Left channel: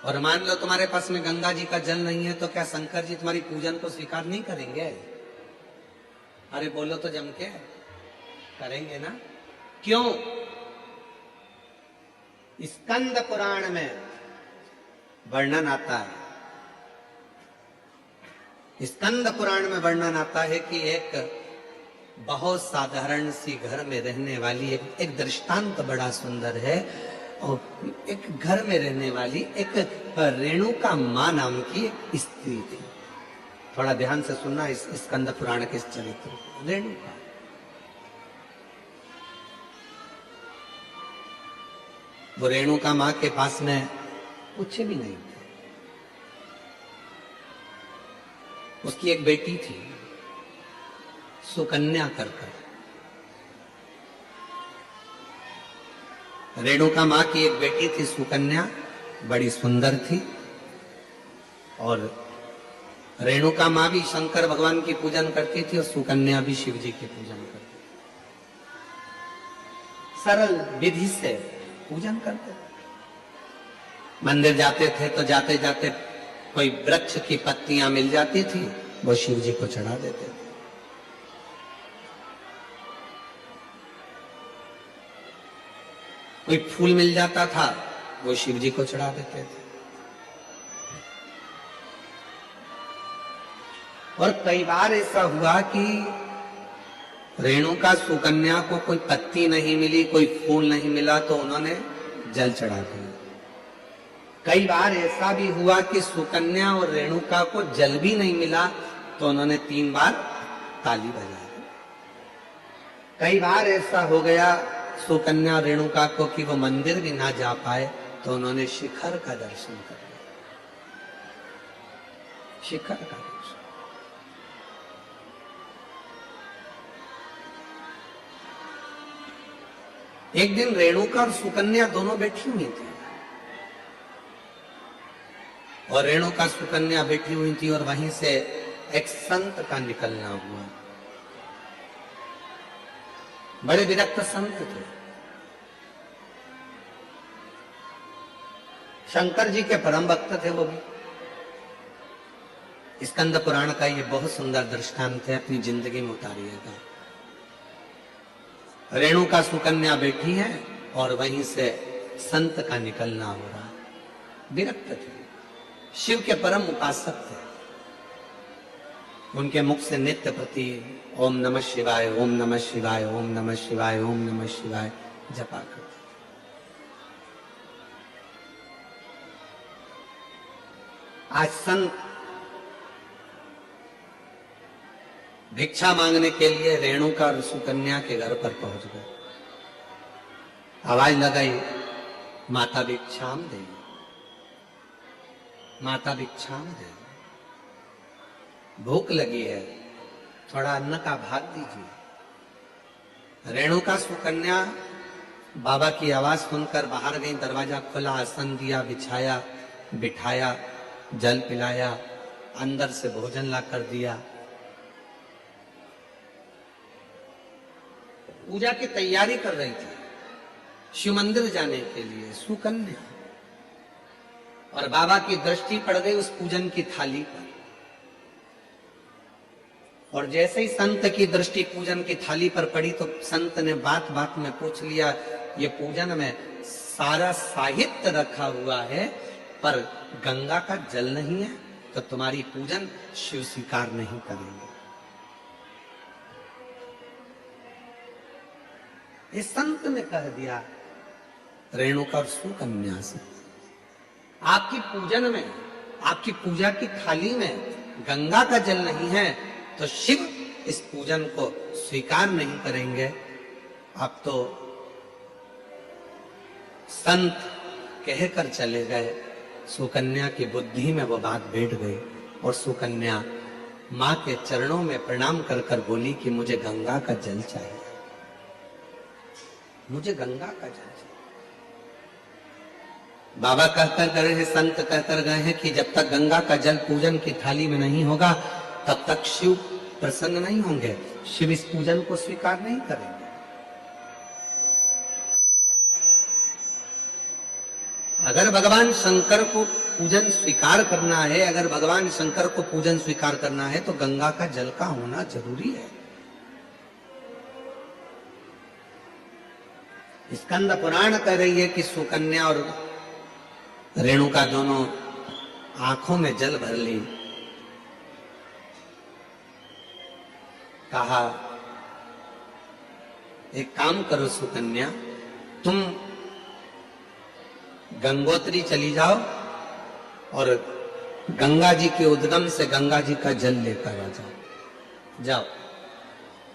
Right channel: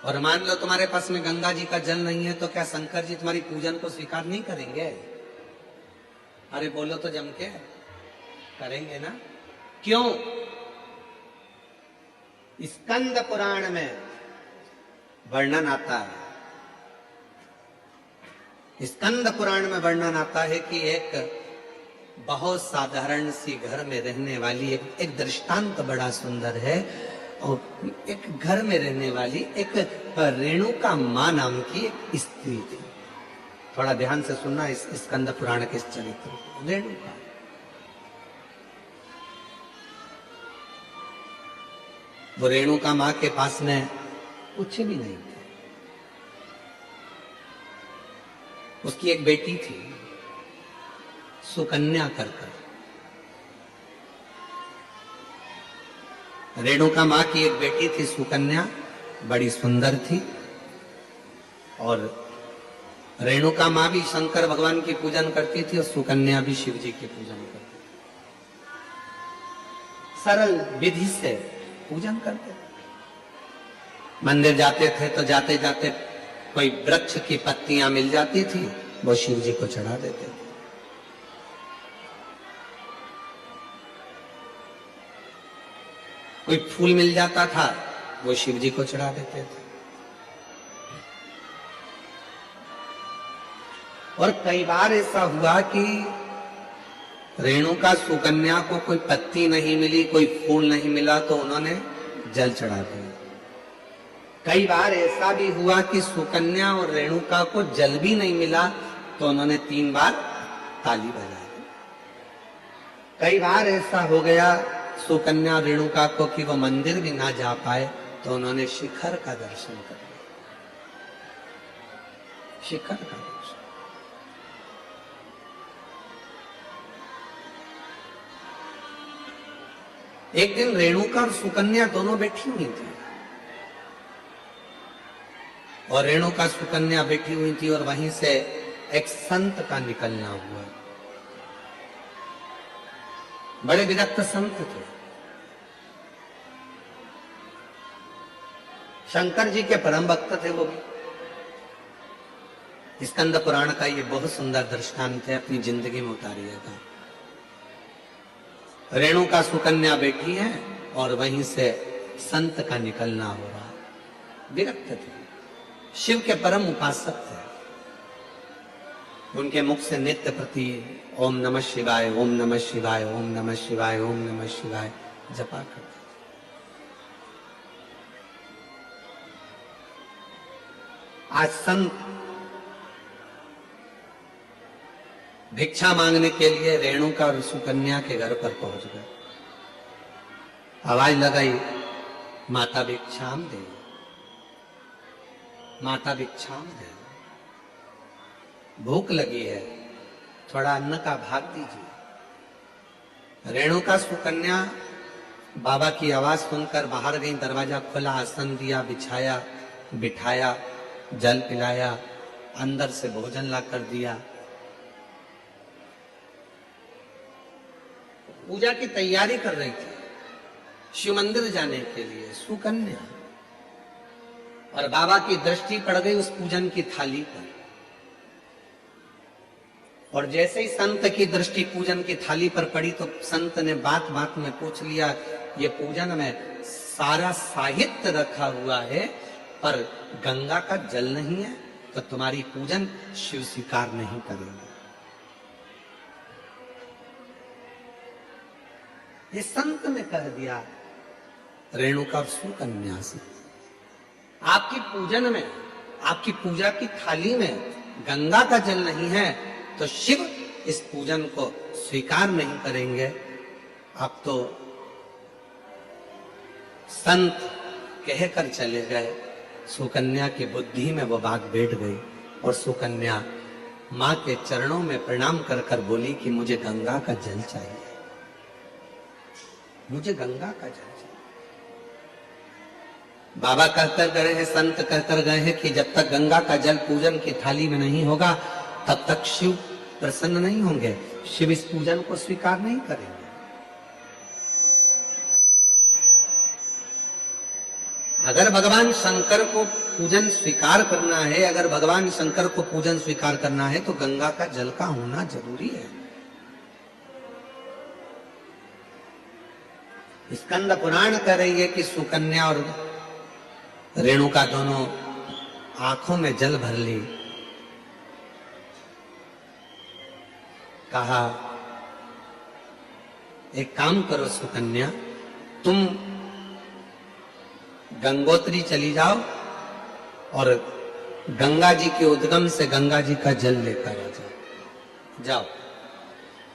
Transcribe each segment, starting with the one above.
और मान लो तुम्हारे पास में गंगा जी का जल नहीं है, तो क्या शंकर जी तुम्हारी पूजन को स्वीकार नहीं करेंगे? अरे बोलो तो जम के, करेंगे ना? क्यों? स्कंद पुराण में वर्णन आता है, स्कंद पुराण में वर्णन आता है कि एक बहुत साधारण सी घर में रहने वाली एक दृष्टांत बड़ा सुंदर है। और एक घर में रहने वाली एक रेणुका मां नाम की एक स्त्री थी। थोड़ा ध्यान से सुनना इस स्कंद पुराण के चरित्र। रेणुका, वो रेणुका मां के पास में कुछ भी नहीं था। उसकी एक बेटी थी सुकन्या कर। रेणुका मां की एक बेटी थी सुकन्या, बड़ी सुंदर थी। और रेणुका मां भी शंकर भगवान की पूजन करती थी और सुकन्या भी शिव जी की पूजन करती थी। सरल विधि से पूजन करते थे। मंदिर जाते थे तो जाते जाते कोई वृक्ष की पत्तियां मिल जाती थी, वो शिव जी को चढ़ा देते थे। कोई फूल मिल जाता था, वो शिव जी को चढ़ा देते थे। और कई बार ऐसा हुआ कि रेणुका सुकन्या को कोई पत्ती नहीं मिली, कोई फूल नहीं मिला, तो उन्होंने जल चढ़ा दिया। कई बार ऐसा भी हुआ कि सुकन्या और रेणुका को जल भी नहीं मिला, तो उन्होंने 3 बार ताली बजाई। कई बार ऐसा हो गया सुकन्या रेणुका को कि वो मंदिर भी ना जा पाए, तो उन्होंने शिखर का दर्शन कर लिया। शिखर का दर्शन। एक दिन रेणुका और सुकन्या दोनों बैठी हुई थी, और रेणुका सुकन्या बैठी हुई थी, और वहीं से एक संत का निकलना हुआ। बड़े विरक्त संत थे, शंकर जी के परम भक्त थे वो भी। स्कंद पुराण का ये बहुत सुंदर दृष्टांत है, अपनी जिंदगी में उतारिएगा। रेणुका सुकन्या बैठी है और वहीं से संत का निकलना हो रहा। विरक्त थे, शिव के परम उपासक थे। उनके मुख से नित्य प्रति ओम नमः शिवाय, ओम नमः शिवाय, ओम नमः शिवाय, ओम नमः शिवाय जपा करते। आज संत भिक्षा मांगने के लिए रेणुका और सुकन्या के घर पर पहुंच गए। आवाज लगाई, माता भिक्षाम दे, माता भिक्षाम दे, भूख लगी है, थोड़ा अन्न का भाग दीजिए। रेणुका सुकन्या बाबा की आवाज सुनकर बाहर गई, दरवाजा खोला, आसन दिया, बिछाया, बिठाया, जल पिलाया, अंदर से भोजन ला कर दिया। पूजा की तैयारी कर रही थी शिव मंदिर जाने के लिए सुकन्या, और बाबा की दृष्टि पड़ गई उस पूजन की थाली पर। और जैसे ही संत की दृष्टि पूजन की थाली पर पड़ी, तो संत ने बात बात में पूछ लिया, ये पूजन में सारा साहित्य रखा हुआ है, पर गंगा का जल नहीं है, तो तुम्हारी पूजन शिव स्वीकार नहीं करेंगे। ये संत ने कह दिया रेणुका और सुकन्या से, आपकी पूजन में, आपकी पूजा की थाली में गंगा का जल नहीं है, तो शिव इस पूजन को स्वीकार नहीं करेंगे। अब तो संत कहकर चले गए। सुकन्या की बुद्धि में वो बात बैठ गई, और सुकन्या मां के चरणों में प्रणाम कर कर बोली कि मुझे गंगा का जल चाहिए, मुझे गंगा का जल चाहिए। बाबा कहकर गए हैं, संत कहकर गए हैं कि जब तक गंगा का जल पूजन की थाली में नहीं होगा, तब तक शिव प्रसन्न नहीं होंगे, शिव इस पूजन को स्वीकार नहीं करेंगे। अगर भगवान शंकर को पूजन स्वीकार करना है, अगर भगवान शंकर को पूजन स्वीकार करना है तो गंगा का जल का होना जरूरी है। स्कंद पुराण कह रही है कि सुकन्या और रेणुका दोनों आंखों में जल भर ली। कहा एक काम करो सुकन्या, तुम गंगोत्री चली जाओ और गंगा जी के उद्गम से गंगा जी का जल लेकर आ जाओ। जाओ।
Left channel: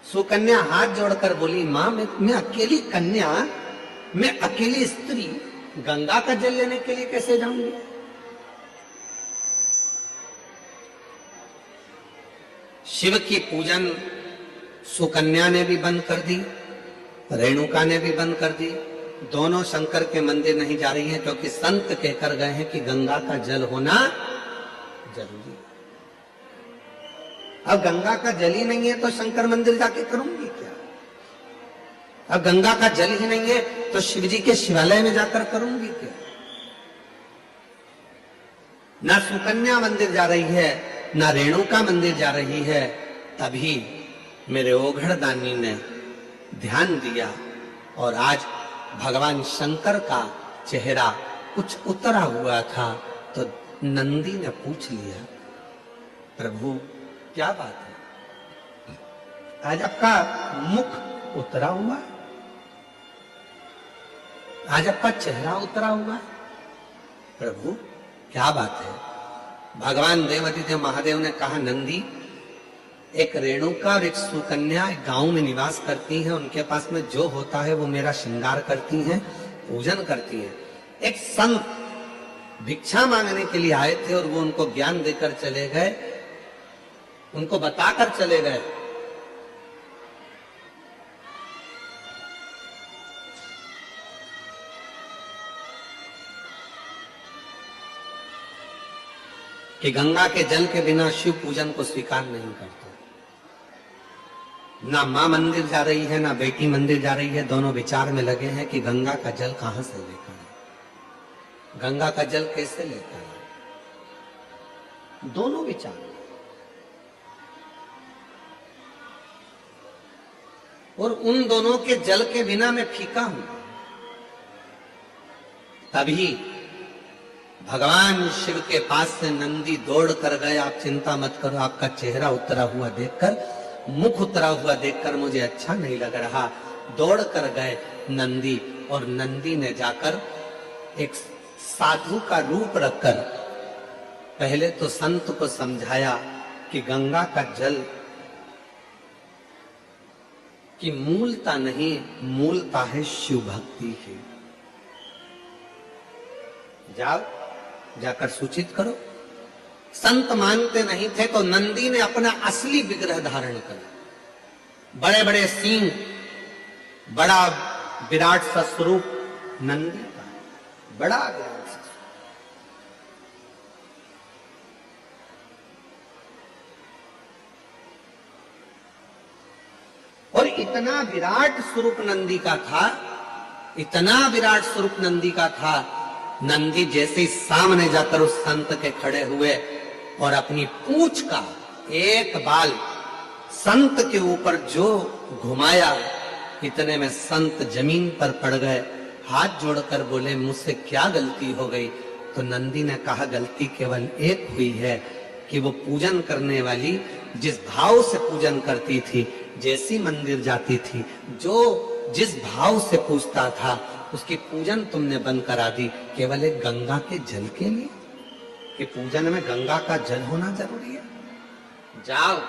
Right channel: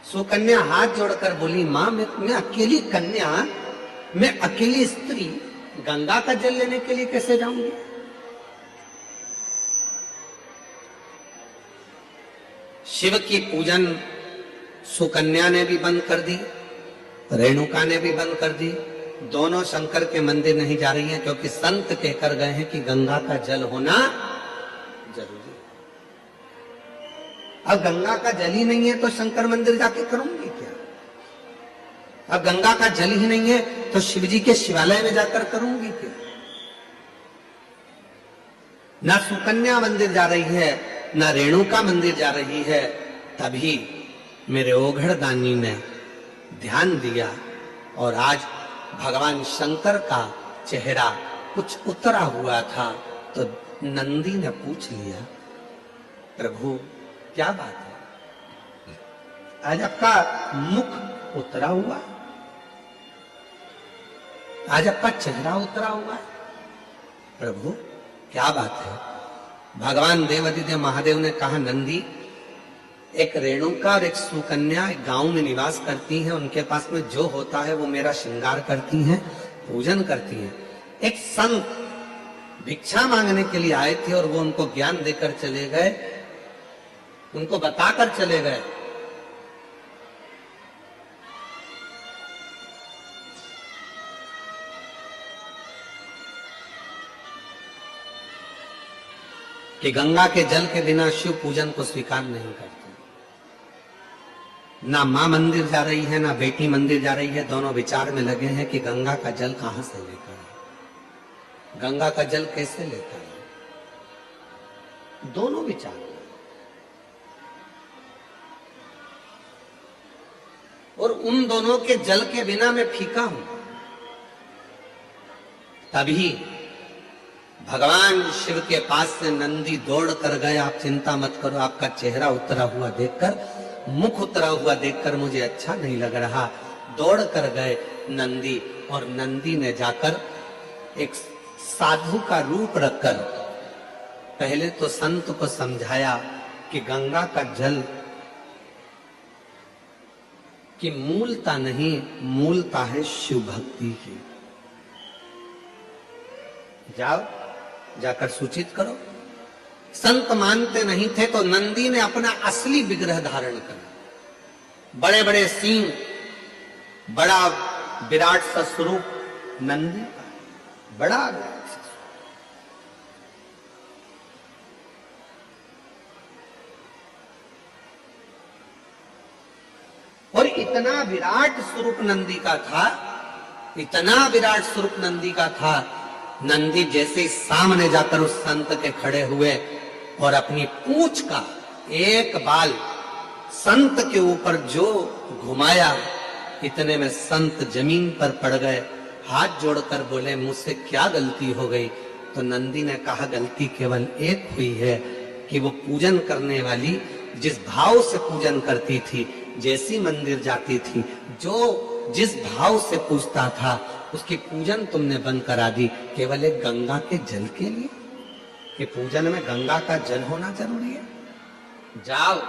सुकन्या हाथ जोड़कर बोली, मां मैं अकेली कन्या, मैं अकेली स्त्री गंगा का जल लेने के लिए कैसे जाऊंगी? शिव की पूजन सुकन्या ने भी बंद कर दी, रेणुका ने भी बंद कर दी। दोनों शंकर के मंदिर नहीं जा रही हैं क्योंकि संत कहकर गए हैं कि गंगा का जल होना जरूरी है। अब गंगा का जल ही नहीं है तो शंकर मंदिर जाके करूंगी क्या? अब गंगा का जल ही नहीं है तो शिवजी के शिवालय में जाकर करूंगी क्या? ना सुकन्या मंदिर जा रही है, ना रेणुका मंदिर जा रही है। तभी मेरे ओघड़ दानी ने ध्यान दिया और आज भगवान शंकर का चेहरा कुछ उतरा हुआ था तो नंदी ने पूछ लिया, प्रभु क्या बात है, आज आपका मुख उतरा हुआ, आज आपका चेहरा उतरा हुआ है, प्रभु क्या बात है? भगवान देवादिदेव महादेव ने कहा, नंदी एक रेणुका और एक सुकन्या एक गांव में निवास करती हैं, उनके पास में जो होता है वो मेरा श्रृंगार करती हैं, पूजन करती हैं। एक संत भिक्षा मांगने के लिए आए थे और वो उनको ज्ञान देकर चले गए, उनको बताकर चले गए। कि गंगा के जल के बिना शिव पूजन को स्वीकार नहीं करते। ना मां मंदिर जा रही है, ना बेटी मंदिर जा रही है, दोनों विचार में लगे हैं कि गंगा का जल कहां से लेकर आए, गंगा का जल कैसे लेकर आए, दोनों विचार। और उन दोनों के जल के बिना मैं फीका हूं। तभी भगवान शिव के पास से नंदी दौड़ कर गए, आप चिंता मत करो, आपका चेहरा उतरा हुआ देखकर, मुख उतरा हुआ देखकर मुझे अच्छा नहीं लग रहा। दौड़ कर गए नंदी और नंदी ने जाकर एक साधु का रूप रखकर पहले तो संत को समझाया कि गंगा का जल की मूलता नहीं, मूलता है शिव भक्ति की। जाओ जाकर सूचित करो। संत मानते नहीं थे तो नंदी ने अपना असली विग्रह धारण कर, बड़े बड़े सींग, बड़ा विराट सा स्वरूप नंदी का, बड़ा विराट सा। और इतना विराट स्वरूप नंदी का था, इतना विराट स्वरूप नंदी का था, नंदी जैसे ही सामने जाकर उस संत के खड़े हुए और अपनी पूंछ का एक बाल संत के ऊपर जो घुमाया, इतने में संत जमीन पर पड़ गए, हाथ जोड़कर बोले, मुझसे क्या गलती हो गई? तो नंदी ने कहा, गलती केवल एक हुई है कि वो पूजन करने वाली जिस भाव से पूजन करती थी, जैसी मंदिर जाती थी, जो जिस भाव से पूछता था, उसकी पूजन तुमने बंद करा दी, केवल एक गंगा के जल के लिए, कि पूजन में गंगा का जल होना जरूरी है। जाओ।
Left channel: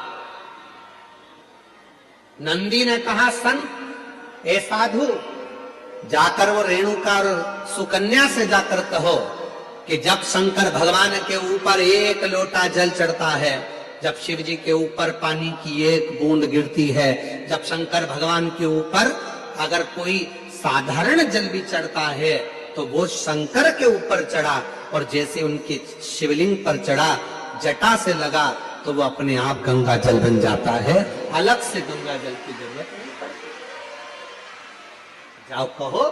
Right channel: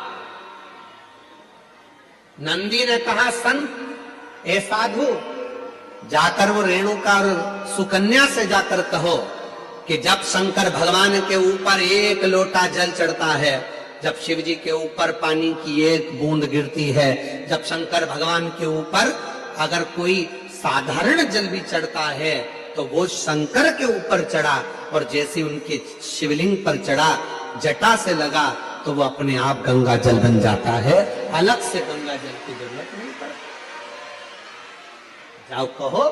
नंदी ने कहा, संत ए साधु, जाकर वो रेणुका और सुकन्या से जाकर कहो कि जब शंकर भगवान के ऊपर एक लोटा जल चढ़ता है, जब शिव जी के ऊपर पानी की एक बूंद गिरती है, जब शंकर भगवान के ऊपर अगर कोई साधारण जल भी चढ़ता है तो वो शंकर के ऊपर चढ़ा, और जैसे उनके शिवलिंग पर चढ़ा, जटा से लगा तो वो अपने आप गंगा जल बन जाता है, अलग से गंगा जल की जरूरत नहीं पड़ती। जाओ कहो,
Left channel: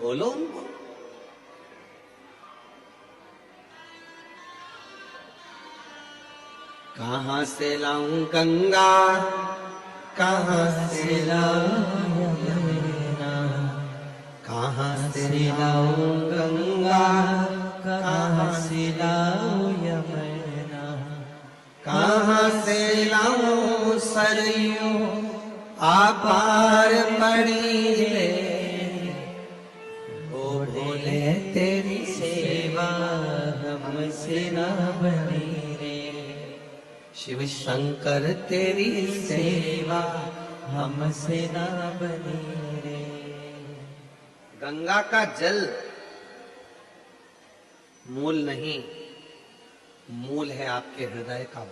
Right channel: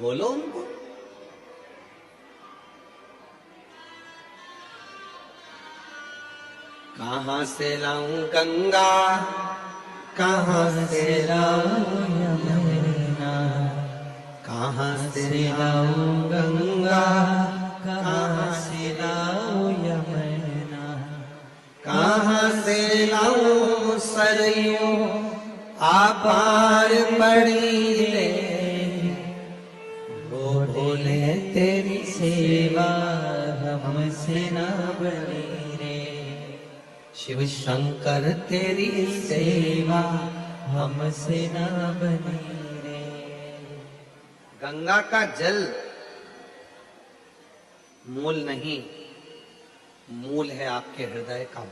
बोलो उनको। कहाँ से लाऊं गंगा, कहाँ से लाऊं यमुना, कहाँ से लाऊं गंगा, कहाँ से लाऊं यमुना, कहाँ से लाऊं सरयू आपार पड़ी ले, भोले तेरी सेवा हमसे न बनी रे, शिव शंकर तेरी सेवा हमसे न बनी रे। गंगा का जल मूल नहीं, मूल है आपके हृदय का